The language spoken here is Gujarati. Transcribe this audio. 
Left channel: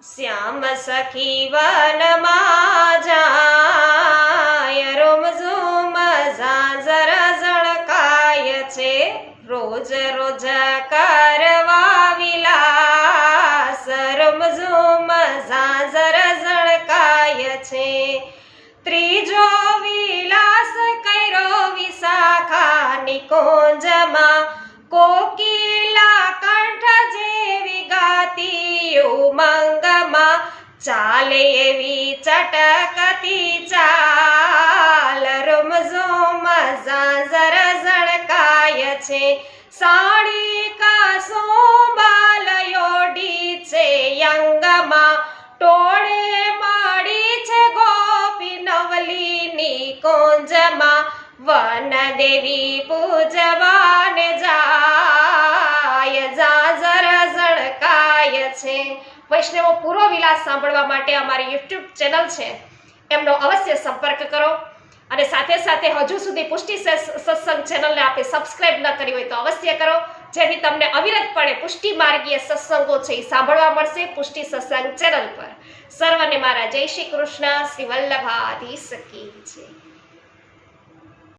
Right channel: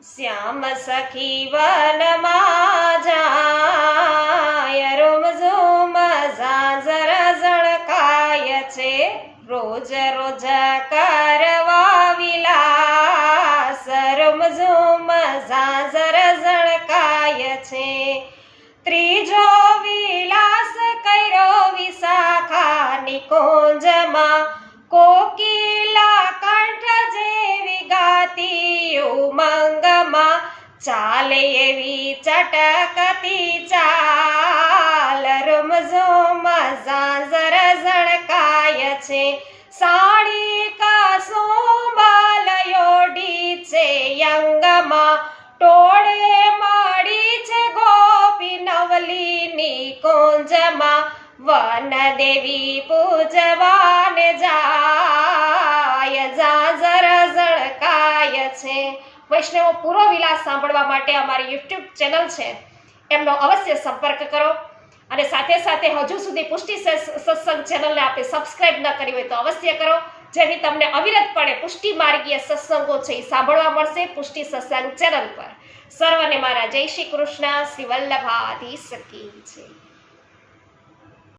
શ્યામ સખી વનમાં જાય, રોમ ઝુમ ઝાંઝર ઝળકાય છે, રોજ રોજ કરવા વિલાસ, રોમ ઝુમ ઝાંઝર ઝળકાય છે. ત્રીજો વિલાસ કર્યો વિશાખા નિકુંજમાં, કોકિલા કંઠ જેવી ગાતી ઉમંગમાં, ચાલે એવી ચટકતી ચાલ, રૂમ ઝુમ ઝાંઝર ઝળકાય છે. સાડી કસુંબલ યોડી છે યંગમાં, ટોળે મળી છે ગોપી નવલીની કુંજમાં, વન દેવી પૂજવાને જાય, ઝાંઝર ઝળકાય છે. વૈષ્ણવો, પૂરો વિલાસ સાંભળવા માટે અમારી યુટ્યુબ ચેનલ છે એમનો અવશ્ય સંપર્ક કરો, અને સાથે સાથે હજુ સુધી પુષ્ટિ સત્સંગ ચેનલને આપે સબસ્ક્રાઇબ ન કરી હોય તો અવશ્ય કરો, જેથી તમને અવિરતપણે પુષ્ટિ માર્ગીય સત્સંગો છે એ સાંભળવા મળશે પુષ્ટિ સત્સંગ ચેનલ પર. સર્વને મારા જય શ્રી કૃષ્ણ. શ્રી વલ્લભાધીશ કી જય.